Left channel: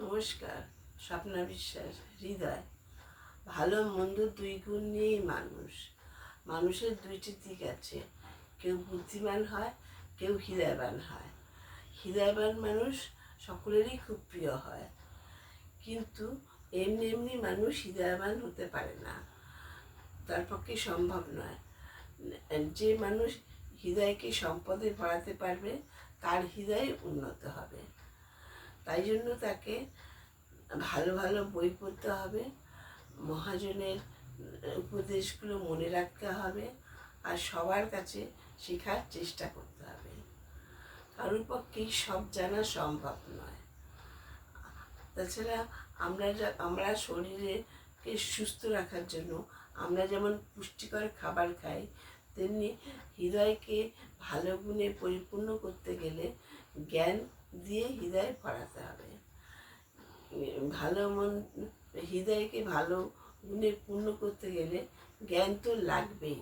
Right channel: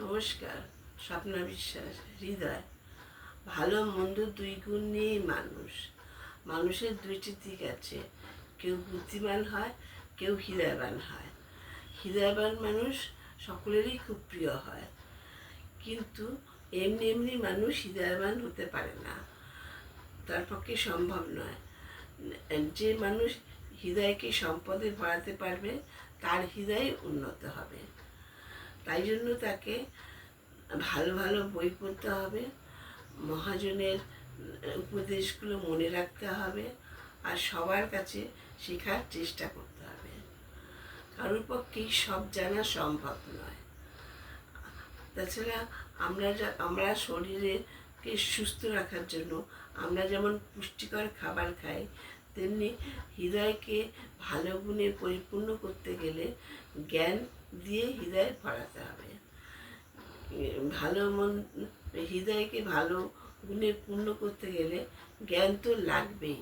নমস্কার। স্বপ্না বিশ্বাস। হৃদয়। ভালো মন্দ দুই গুণ নিয়েই মানুষের দুইটি দিক আছে। কেউ বুদ্ধিমান হয়, কেউ হৃদয়বান হয়। হৃদয়বান মানুষ সকলেরই খুব প্রিয় হয়, কিন্তু এমনি এমনি মানুষ হৃদয়বান হতে পারে না, তার পক্ষে সম্ভব নয়। যে মানুষ হৃদয়কে সম্পদে বাড়াতে পারবে তার হৃদয় উন্নত হবে। তাই জন্য তাকে ভালো ভালো বই পড়তে হবে, মহাজনের উপদেশগুলো মনে রাখতে হবে, আর সবার কাছে শেখার চেষ্টা করতে হবে। কারোর পক্ষেই সব জানা সম্ভব নয়। তাছাড়া আমরা শরীরকে সুস্থ রাখার জন্য আমরা যেমন পুষ্টিকর খাবার খাই, তেমনি হৃদয়কে ভালো গুণে পরিপূর্ণ করতে গেলে জ্ঞান দিয়ে হৃদয় ভরাতে হবে। হৃদয়কে ভালো গুণে পূর্ণ করতে গেলে জ্ঞান তো লাগবেই।